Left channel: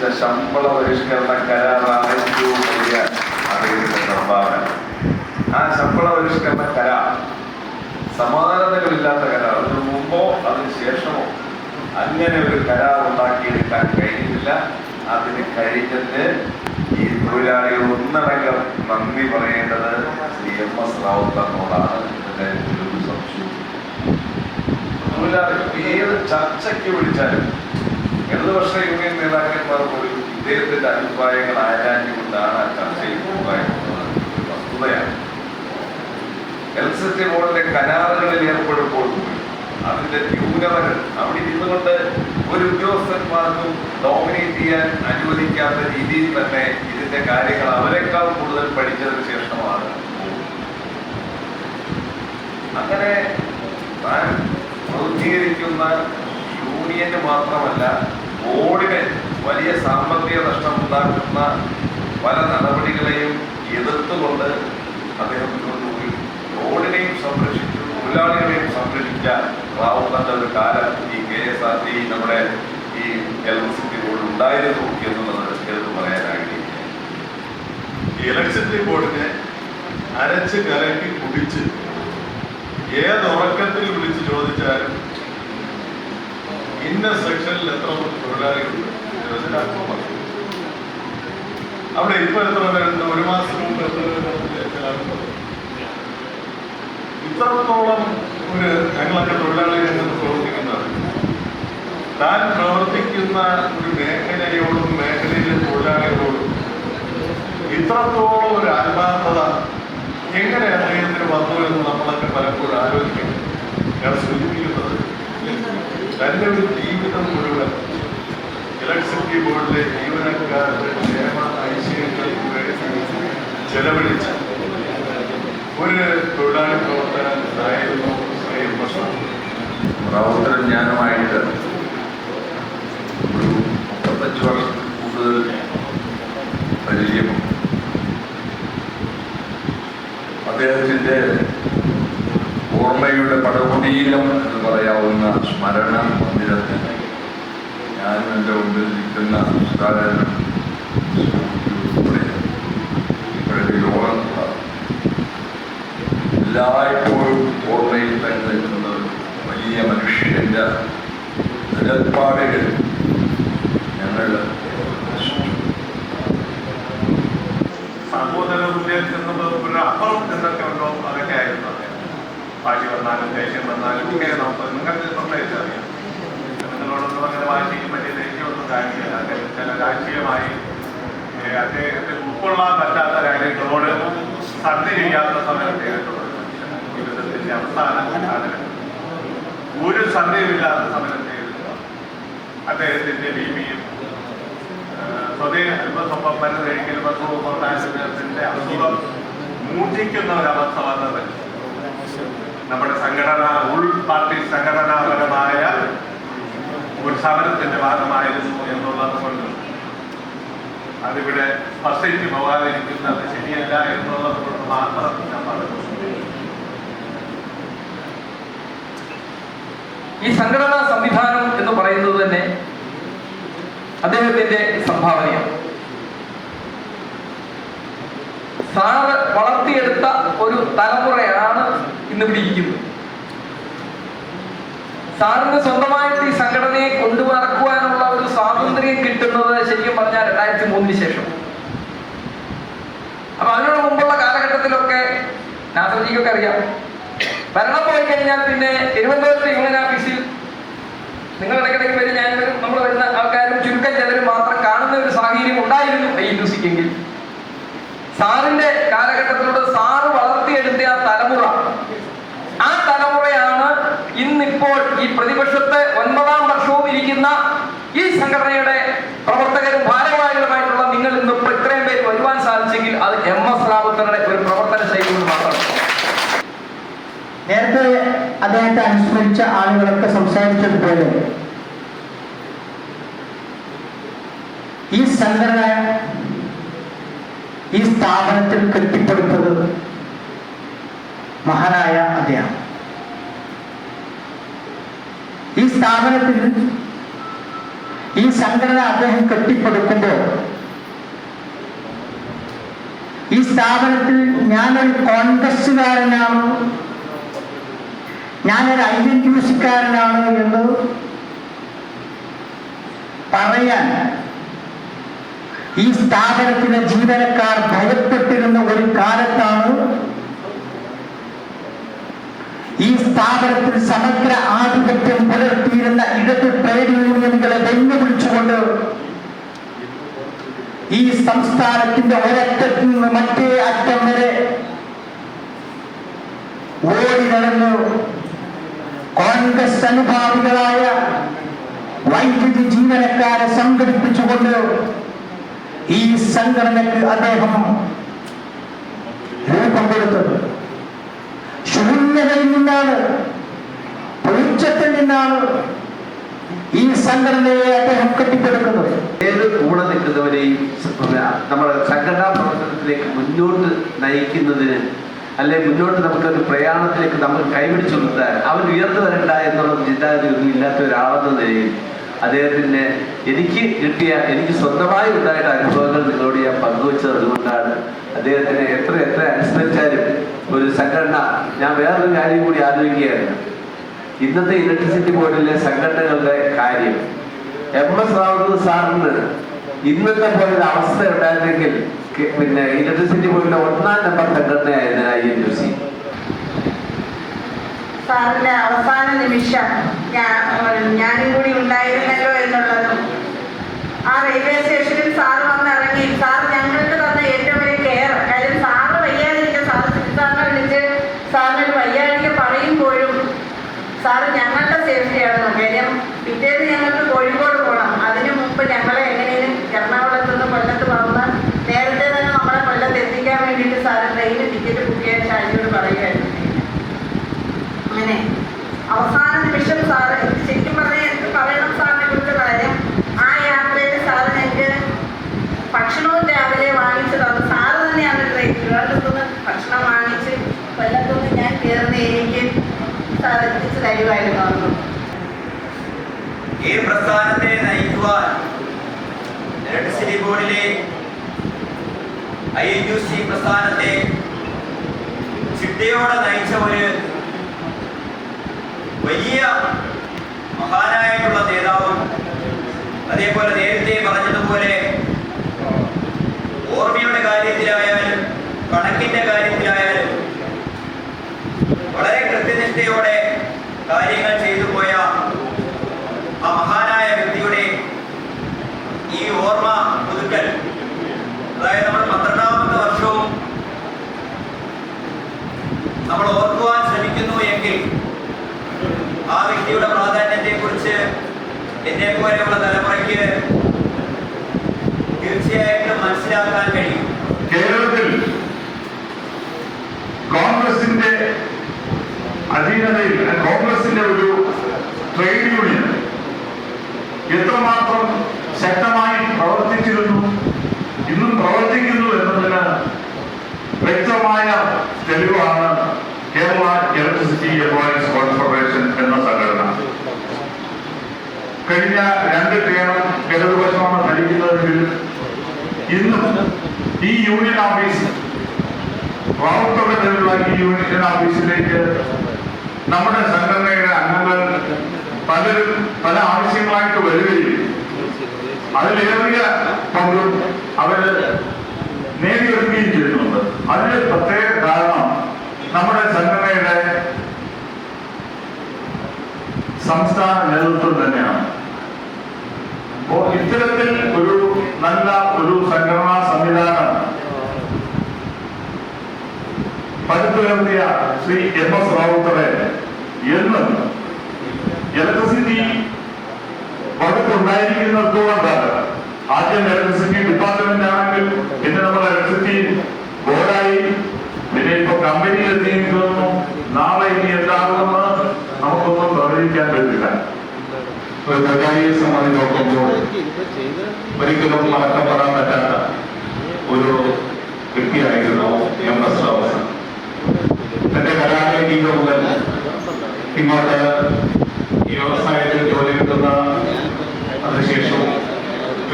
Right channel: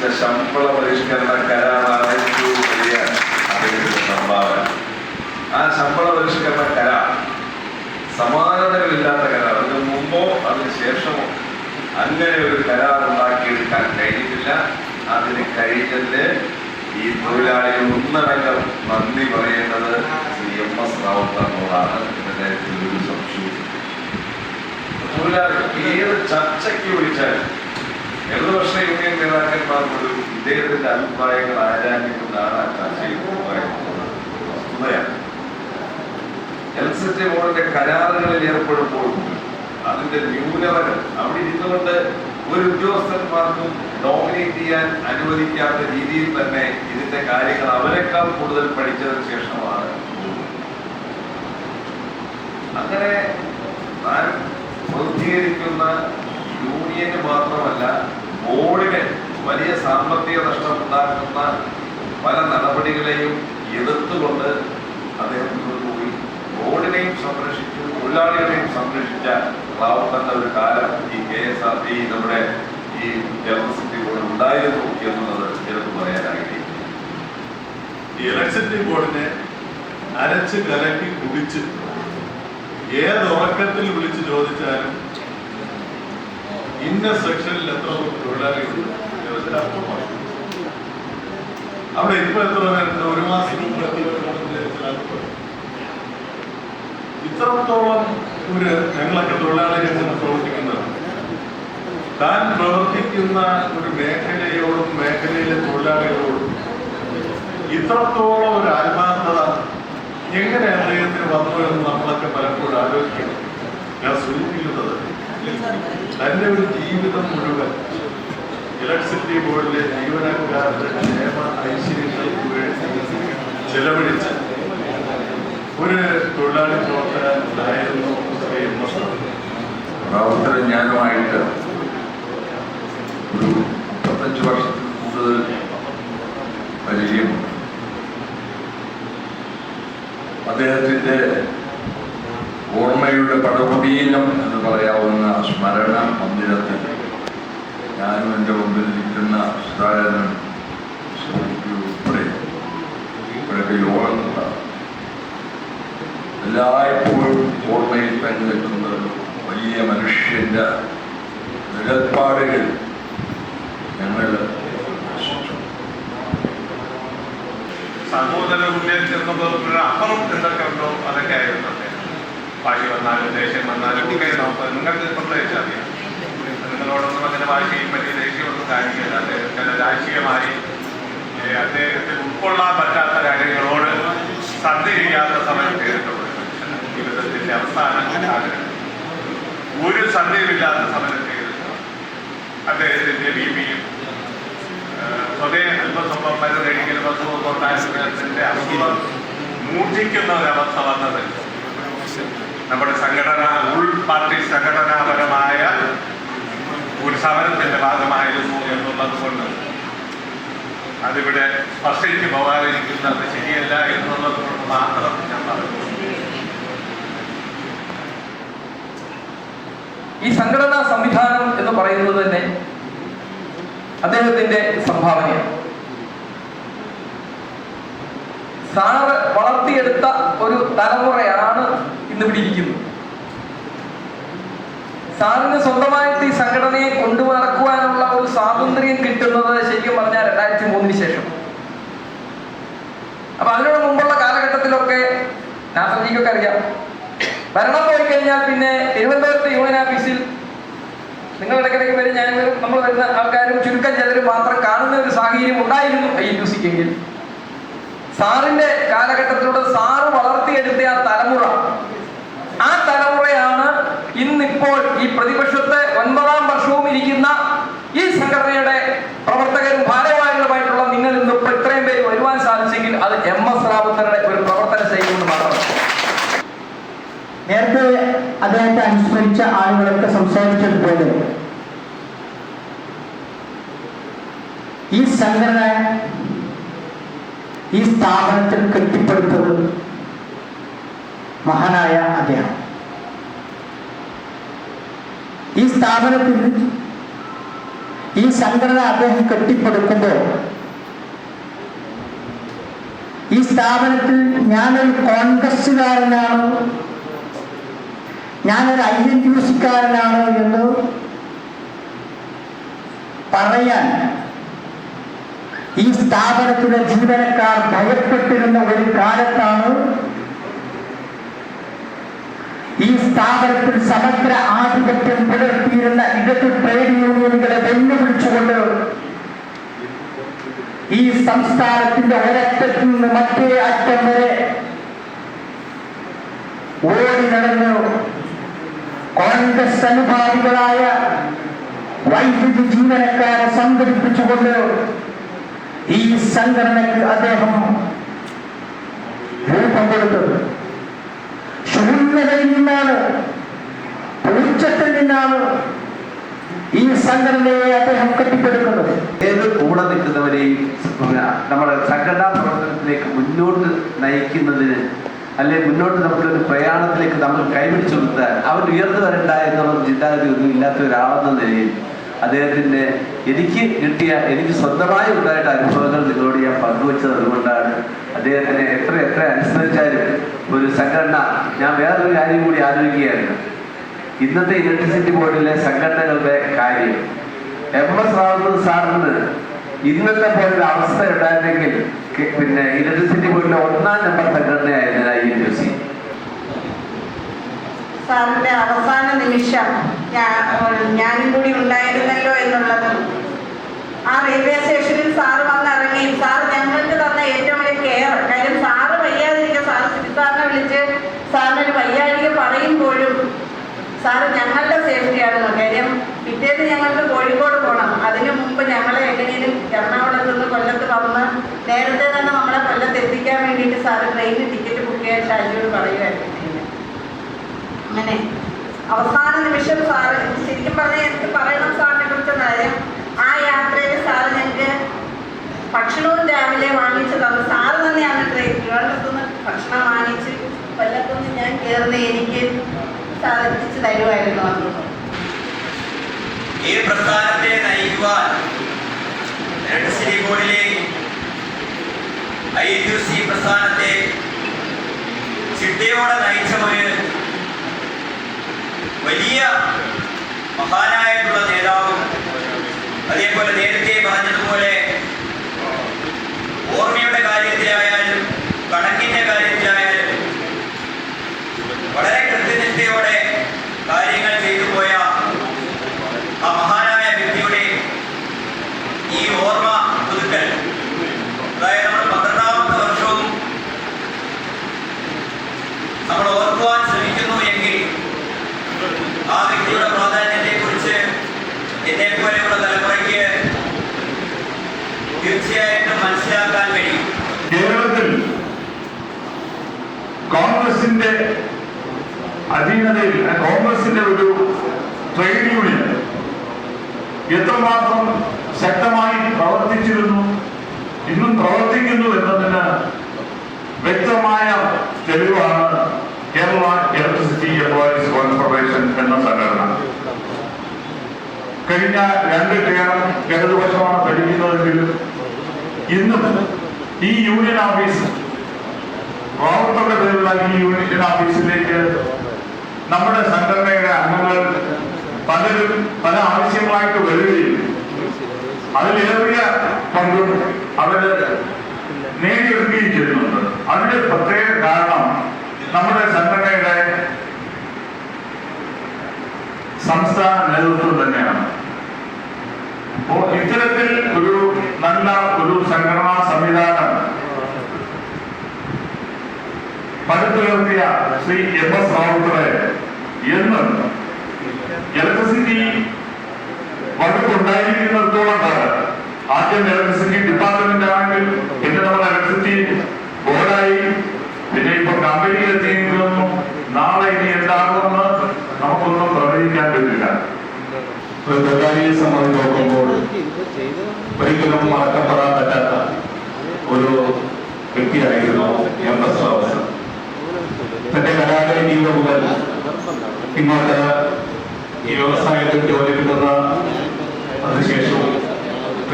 നിർവഹിച്ച ശമ്പള പരിഷ്കരണ കരാറാണ് ഏറ്റവും വലിയ അറിവിന്റെ സംഭാവന. ആ ശമ്പള പരിഷ്കരണ കരാർ സമാനതകളില്ലാത്ത കരാർ. അതിന് മുമ്പോ അതിന് ശേഷമോ അങ്ങനെ ഒരു കരാർ ഉണ്ടാക്കിയെടുക്കാൻ കഴിഞ്ഞിട്ടില്ല. അതിന് കഴിഞ്ഞത് ഈ തൊഴിലാളികൾ ഒന്നടങ്കം നന്ദി പറയേണ്ടത് ശ്രീ MS റാവുത്തറിനോടാണ്. ഇതിന്റെ ഒരു സംശയവും. തൊഴിലാളികൾ ഏത് ചർച്ചയ്ക്ക് വിളിച്ചാലും ഇടതുപക്ഷ യൂണിയൻ നേതാക്കന്മാർ ഒരു ഇദ്ദേഹത്തിന്റെ അഭിപ്രായങ്ങൾ ആരാഞ്ഞുകൊണ്ടാണ് ആ ചർച്ചയിൽ പറയുന്നത്. ഒരു വസ്തുതയാണ്. ഇലക്ട്രിസിറ്റി ബോർഡിന്റെ കരാറുകളിൽ ഏർപ്പെടുമ്പോൾ അതിന്റെ ന്യൂനതകൾ അവിടെ ഇരുന്നുകൊണ്ട് ഒരു ഉദ്യോഗസ്ഥന്മാർക്കും ഡോമിനേറ്റ് ചെയ്യാൻ അനുവദിക്കാത്ത രീതിയിൽ തന്നെ ഇതിന്റെ കാര്യങ്ങൾ അവരെക്കാൾ കൂടുതൽ പഠിച്ചതിന് ശേഷമാണ്. അങ്ങനെ താൻ പ്രതികരിക്കുന്ന യൂണിയന് മാത്രമല്ല ബോർഡിന് വലിയ സാമ്പത്തിക നഷ്ടമുണ്ടാക്കുന്ന പല നടപടികളെയും എതിർത്തുകൊണ്ട് അദ്ദേഹം ബോർഡിനെയും സംരക്ഷിച്ചു, തൊഴിലാളികളെയും സംരക്ഷിച്ച റാവുത്തറിന്റെ ഒരു കാലം ഈ KSRT നമ്മുടെ ഈ ഇലക്ട്രിസിറ്റി ബോർഡ് ഉണ്ടായിരുന്നു എന്നുള്ളത് എടുത്തു പറയാൻ ആഗ്രഹിക്കുന്നു. ഈ ഇലക്ട്രിസിറ്റി ബോർഡിനെ അരച്ച് കലക്കി കുടിച്ച് ഏത് ഉറക്കത്തിൽ വിളിച്ച് ചോദിച്ചാലും ഇന്ന സെക്ഷനിൽ എത്ര തൊഴിലാളികൾ അല്പമായി അവിടെ ഇപ്പൊ എത്ര പേരുണ്ട്, ഒരു മാസം മുമ്പ് എത്ര പേരുണ്ട്. ഇത്രത്തോളം ഞങ്ങളൊക്കെ തൊഴിലാളികൾ പ്രവർത്തിക്കുന്നതാണ്. താൻ പ്രവർത്തിക്കുന്ന ഒരു മേഖലയോടും മേഖലയിലെ തൊഴിലാളികളോടും ഇത്രത്തോളം ഒരു ആത്മാർത്ഥത എങ്ങനെ അദ്ദേഹത്തിന് വന്നു എന്ന് നമ്മളൊക്കെ പലപ്പോഴും ആലോചിക്കണം. ഞാൻ സൂചിപ്പിക്കുന്നത് തന്റെ ഒരു ജീവിതം മുഴുവൻ ഇലക്ട്രിസിറ്റി ബോർഡിലെ ജീവനക്കാരുടെ ക്ഷേമ ഐശ്വര്യങ്ങൾക്ക് വേണ്ടി ചെലവഴിച്ച് ഒരു തൊഴിലാളി പ്രവർത്തകനായിരുന്നു ശ്രീ MS റാവുത്തറും ഞാനുമായിട്ട് ഒരു 35 വർഷത്തിൽ കൂടുതൽ പരിചയമുണ്ട്. അദ്ദേഹത്തിൻ്റെ ഓർമ്മയുടെ പടകുടീരം എന്ന് പറയാവുന്ന സ്മരണ മന്ദിരത്തിൽ ഞാനും എൻ്റെ മുമ്പിൽ നിൽക്കുന്ന സുധാകരനും ഇവിടെയൊക്കെ യോഗം നടത്താം. എല്ലായ്പ്പോഴും ഓർമ്മയിൽ തന്നെ നിൽക്കുന്നത് വലിയ മനുഷ്യൻ്റെ നിലപാടുകൾ ഞങ്ങൾ സഹോദര ഉന്നയിച്ചിരുന്നപ്പോൾ ഒരു അപ്പുറം എന്തൊക്കെയുണ്ടോ അതൊക്കെ ആയിരുന്നു. വാശി വന്നാലും ദേഷ്യം വന്നാലും ഒക്കെ നിങ്ങൾക്ക് സംസാരിച്ചാൽ മതി. നിങ്ങളോടൊന്നും അങ്ങനെ വാശിയും വലിയ ദേഷ്യമൊന്നും കാണിക്കില്ല. അദ്ദേഹത്തിന് രാഷ്ട്രീയമായി അദ്ദേഹത്തിന് ഉൾക്കൊള്ളാൻ പറ്റാത്ത കാര്യങ്ങളോട് സന്ധി ചെയ്യാത്ത സമയത്ത് ജീവിതത്തിന്റെ അവസാന ആഗ്രഹം ഒരു സന്ധിയുമില്ലാത്ത സമയത്ത് അദ്ദേഹത്തിന്റെ ബിപിയും സ്വതേ അല്പസ്വല്പം മരുന്ന് കഴിക്കൽ ബന്ധത്തിന്റെ അസുഖം മൂർച്ഛിക്കുന്ന ഒരവസ്ഥ വന്നത് നമ്മുടെ പാർട്ടി സംഘടനാപരമായ ഒരു സമരത്തിന്റെ ഭാഗമായിരുന്നു എന്നുള്ളത് കൊണ്ട് അതിവിടെ സ്പർശിച്ച് പോകാതിരിക്കുന്നത് ശരിയല്ല എന്നുള്ളത് മാത്രം ഞാൻ പറഞ്ഞു. ഈ സംഘടനാ സംവിധാനം എന്ന് പറയുന്നത് തന്നെ അദ്ദേഹത്തിന്റെ സംഭാവനയാണ്. സാറ് വളർത്തിയെടുത്ത ഒരു തലമുറയാണ് ഇന്നിവിടെ ഇരിക്കുന്നത്. സാറിന് സ്വന്തമായിട്ട് ഈ സംഘടനയെ കൊണ്ടു നടക്കുവാനുള്ള ഒരു സ്വാതന്ത്ര്യം കിട്ടുന്നത് ശരിക്കും പറഞ്ഞാൽ 2003 ശേഷം. അപ്പൊ അതിനോട് മുമ്പുള്ള കാലഘട്ടത്തിലൊക്കെ നാസർജിക്കൊക്കെ അറിയാം, ഭരണം പോയി കഴിഞ്ഞാൽ പിന്നെ തിരുവനന്തപുരത്ത് യൂണിയൻ ഓഫീസിൽ നിങ്ങൾ ഇടയ്ക്കിടയ്ക്ക് വരും, ഞാൻ വരും, നമ്മൾ വരുന്ന ആൾക്കാരും ചുരുക്കം ചിലരും മാത്രം കാണുന്ന ഒരു സാഹചര്യം ഉണ്ടായിരുന്നു INUC-ക്കെങ്കിൽ സാറിന്റെ കാലഘട്ടത്തിലൂടെ സാറ് വളർത്തിയെടുത്ത ആ തലമുറയാണ് ഇന്നിപ്പോൾ ഈ പ്രതിപക്ഷത്തെ 9ാം വർഷവും ഇരിക്കുന്ന ഈ സംഘടനയുടെ പ്രവർത്തകരും ഭാരവാഹികളുമായിട്ടുള്ള നിങ്ങൾ ഇന്നിപ്പോൾ ഇത്രയും പേര് വരുവാൻ സാധിച്ചെങ്കിൽ അത് MS റാവുത്തറുടെ ഒരു പ്രവർത്തന ശൈലി കൊണ്ട് മാത്രമാണ്. നേരത്തെ അദ്ദേഹത്തെ അനുസ്മരിച്ച ആളുകളൊക്കെ സംസാരിച്ചതുപോലെ ഈ സംഘടന ഈ സ്ഥാപനത്തിൽ കെട്ടിപ്പടുത്തത് മഹാനായ അദ്ദേഹം. ഈ സ്ഥാപനത്തിൽ ഈ സംഘടന അദ്ദേഹം കെട്ടിപ്പടുക്കുമ്പോൾ ഈ സ്ഥാപനത്തിൽ ഞാനൊരു കോൺഗ്രസ്സുകാരനാണ്, ഞാനൊരു INTUC-കാരനാണ് എന്ന് പറയാൻ ഈ സ്ഥാപനത്തിലെ ജീവനക്കാർ ഭയപ്പെട്ടിരുന്ന ഒരു കാലത്താണ് ഈ സ്ഥാപനത്തിൽ സമഗ്ര ആധിപത്യം പുലർത്തിയിരുന്ന ഇടത് ട്രേഡ് യൂണിയനുകളെ വെല്ലുവിളിച്ചുകൊണ്ട് ഈ സംസ്ഥാനത്തിന്റെ ഒരറ്റത്തിൽ നിന്ന് മറ്റേ അറ്റം വരെ ഓടി നടന്ന് കോൺഗ്രസ് അനുഭാവികളായ വൈദ്യുതി ജീവനക്കാരെ സംഘടിപ്പിച്ചുകൊണ്ട് ഈ സംഘടനയ്ക്ക് അദ്ദേഹം രൂപം കൊടുത്തത് ശൂന്യതയിൽ നിന്നാണ്, പൂച്ചത്തിൽ നിന്നാണ് ഈ സംഘടനയെ അദ്ദേഹം കെട്ടിപ്പടുക്കുന്നത്. ഏത് കൂടെ നിൽക്കുന്നവരെയും നമ്മുടെ സംഘടനാ പ്രവർത്തനത്തിലേക്ക് മുന്നോട്ട് നയിക്കുന്നതിന് അല്ലെങ്കിൽ മുന്നോട്ട് നമുക്കൊരു പ്രയാണത്തിലേക്ക് നമ്മൾ കൈപിടിച്ചു നിർത്താൻ അവർ ഉയർന്നു വരണ്ട എന്നുള്ള ചിന്താഗതി ഒന്നും ഇല്ലാത്ത ഒരാളെന്ന നിലയിൽ അദ്ദേഹത്തിന് എനിക്ക് സ്വന്തമായി ഉണ്ടായിട്ട് അനുഭവങ്ങൾ നിങ്ങളോട് ഞാൻ പങ്കുവച്ചത് അതുകൊണ്ടാണ്. അദ്ദേഹത്തിനെ എത്ര അനുസ്മരിച്ചാലും ഒരു സംഘടന, ഞാൻ വേറൊരു കാര്യം കൂടി ആലോചിക്കുകയായിരുന്നു. ഇന്നത്തെ ഇലക്ട്രിസിറ്റി ബോർഡിലെ സംഘടനകളുടെ കാര്യം MS റാവു സാറിന് ഇന്നത്തെ പോലെ ഒരു അവസ്ഥ ഉണ്ടായിരുന്നെങ്കിൽ പിന്നെ ഇലക്ട്രിസിറ്റി ബോർഡിലെ 1ാം നമ്പർ സംഘടനയായിരുന്നു INTUC. സാറിന്റെ അവസാന നിമിഷം ഞാനും കൂടി ഉണ്ടായിരുന്നല്ലോ എന്നുള്ളതും ആ റെയിൽവേ സ്റ്റേഷനിൽ സാറ് വന്നിറങ്ങി സാറ് ഞങ്ങൾക്ക് തന്ന ഏറ്റവും വലിയ കെയർ. കാര്യം സാറ് വയ്യാതിരിക്കുക, സാറ് സാറിനെ വിളിച്ച് സാറിനൊരു വയ്യാതിരിക്കുക പറയുമ്പോഴും സാറ് ഞങ്ങളുടെ സേഫ്റ്റിയാണ്. കാര്യം പിറ്റേന്ന് ഞങ്ങൾക്ക് കോഴിക്കോട് പോകണം. അതിനു മുമ്പ് ഞങ്ങളെ എങ്ങനെയും എറണാകുളത്ത് നിന്ന് കൊല്ലത്ത് വന്ന് നേരത്തെ തന്നെ നമ്മളെ കൊല്ലത്ത് എത്തിക്കാൻ വേണ്ടിയിട്ട് സാറ് ട്രെയിനിൽ ടിക്കറ്റ് ബുക്ക് ചെയ്യാൻ ഷാജിയോട് പറയുമായിരുന്നു. അങ്ങനെ അവസാന നിമിഷം സാറ് ശരിക്കും പറയണം സാറിനെ കുറിച്ച കാര്യം, ആ യാത്രയിൽ സാറ് ഞങ്ങൾക്ക് ഭക്ഷണവും രാവിലെ വാങ്ങിച്ചു തന്നു. സാറ് തന്നെയാണ് ട്രിവാൻഡ്രത്തുനിന്ന് ഭക്ഷണം വാങ്ങിച്ച് കൊല്ലത്തുനിന്ന് ഞാൻ കയറുന്ന എനിക്ക് സാർ എത്തിച്ചു തരുമായിരുന്നു. ഈ പ്രസ്ഥാനത്തെ നയിക്കുവാൻ ഇലക്ട്രിസിറ്റി ബോർഡിലെ INTUC പ്രസ്ഥാനത്തെ ചിട്ടയോടെ നയിച്ച ഒരു വലിയ മഹാനായിട്ടുള്ള നേതാവും, അതേപോലെ നേരത്തെ പറഞ്ഞതുപോലെ ഓർമ്മയുടെ കാര്യത്തിലായാലും കണക്കിന്റെ കാര്യത്തിലായാലും വളരെ കൃത്യനിഷ്ഠയോടെ കാര്യങ്ങൾ ചെയ്തു പോയ ആ മഹാനായ വ്യക്തിയുടെ ഈ ഓർമ്മ പുതുക്കൽ, അതായത് നമ്മൾ 12ാമത്തെ വർഷവും നമ്മൾ ഓർക്കുവാൻ ശ്രമിക്കുന്നു എങ്കിൽ ആ വ്യക്തിയുടെ പ്രാധാന്യത്തെ കുറിച്ച് എന്നെ പോലെയുള്ള തലമുറയ്ക്ക് തീർച്ചയായിട്ടും മനസ്സിലാക്കാൻ കഴിയും. കേരളത്തിൽ കോൺഗ്രസിന്റെ അധീനതയിൽ കോൺഗ്രസിന്റെ ഒരു ട്രേഡ് യൂണിയൻ എത്രമാത്രം ശക്തമായി പ്രവർത്തിച്ചിരുന്നു, ഇന്നും പ്രവർത്തിക്കുന്നു എന്നതിന് വ്യക്തമായ തെളിവാണ് കേരള ഇലക്ട്രിസിറ്റി എംപ്ലോയീസ് കോൺഫെഡറേഷൻ എന്ന സംഘടന. കഴിഞ്ഞ 2 ടേം ഇടതുപക്ഷമാണ് ഭരിക്കുന്നതെങ്കിൽ ഇന്നും ഈ യൂണിയൻ ഓഫീസ് റാവുത്തറുടെ പേരുള്ള ഈ യൂണിയൻ ഓഫീസിലേക്ക് നമ്മുടെ സംഘടനയുടെ അംഗങ്ങൾ പലരും പല ആവശ്യമായിട്ട് വരികയും അതിലേറിയ പങ്കും അവര് നേടിയെടുക്കുകയും ചെയ്യുന്നുണ്ട്. അതിന്റെ പ്രത്യേക കാരണം നമ്മുടെ സംഘടനയുടെ സംസ്ഥാന നേതൃത്വം തന്നെയാണ്. അപ്പോൾ ഇത്തരത്തിൽ ഒരു നല്ല ഒരു സംഘടനാ സംവിധാനം പടുത്തുയർത്തിയ ശ്രീ MS റാവുത്തറെ എന്നും ഇലക്ട്രിസിറ്റി വകുപ്പുണ്ടായിരിക്കുന്നിടത്തോളം കാലം, ആദ്യം ഇലക്ട്രിസിറ്റി ഡിപ്പാർട്ട്മെന്റ് ആണെങ്കിൽ പിന്നെ നമ്മുടെ ഇലക്ട്രിസിറ്റി ബോർഡായി, പിന്നെ ഇപ്പൊ കമ്പനിയിലെത്തിയിരിക്കുന്നു. നാളെ ഇനി എന്താകുമെന്ന് നമുക്കൊന്നും പ്രവചിക്കാൻ പറ്റില്ല. ഒരു തൊഴിലാളിയെ സംബന്ധിച്ച് നോക്കുമ്പോൾ ഒരിക്കലും മറക്കപ്പെടാൻ പറ്റാത്ത ഒരു വ്യക്തിയായിരുന്നു MS റാവു. തന്റെ കലാലയ ജീവിതം മുതൽ ഇങ്ങോട്ട് ഈ വ്യവസായത്തിൽ ജോലി കിട്ടുന്ന അതിനുശേഷം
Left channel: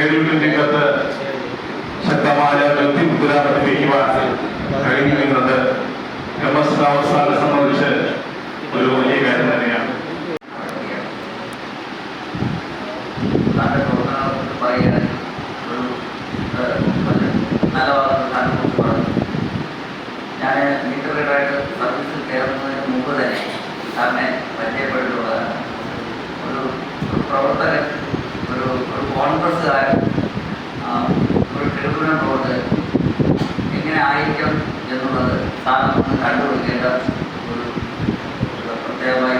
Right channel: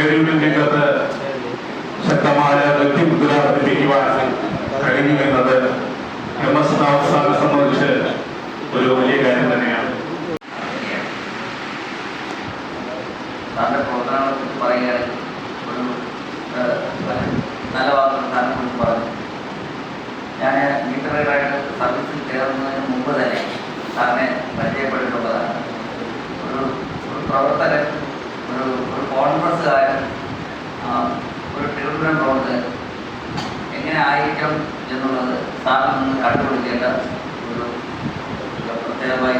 രംഗത്ത് ശക്തമായ വ്യക്തിമുദ്ര പതിപ്പിക്കുവാൻ കഴിഞ്ഞിരുന്നത് MSN അവസാനം സംബന്ധിച്ച് ഒരു വലിയ കാര്യം തന്നെയാണ്. താങ്കളുടെ പ്രവർത്തനങ്ങളെ പറയാൻ നല്ല വാർത്ത പറഞ്ഞു. ഞാൻ മീറ്ററായിട്ട് സർവീസിൽ കയറുന്നതിന് മുമ്പ് തന്നെ സാറിനെ പരിചയപ്പെട്ടിട്ടുള്ളതാണ്. ഒരു പ്രവർത്തകൻ, ഒരു കോൺഗ്രസ്സുകാരൻ, ഒരു ട്രിബ്യൂണൽ പ്രവർത്തകൻ എങ്ങനെ ആയിരിക്കണം എന്നുള്ളത് സാറിന് കണ്ടുപിടിക്കേണ്ട ഒരു പ്രത്യേകമായി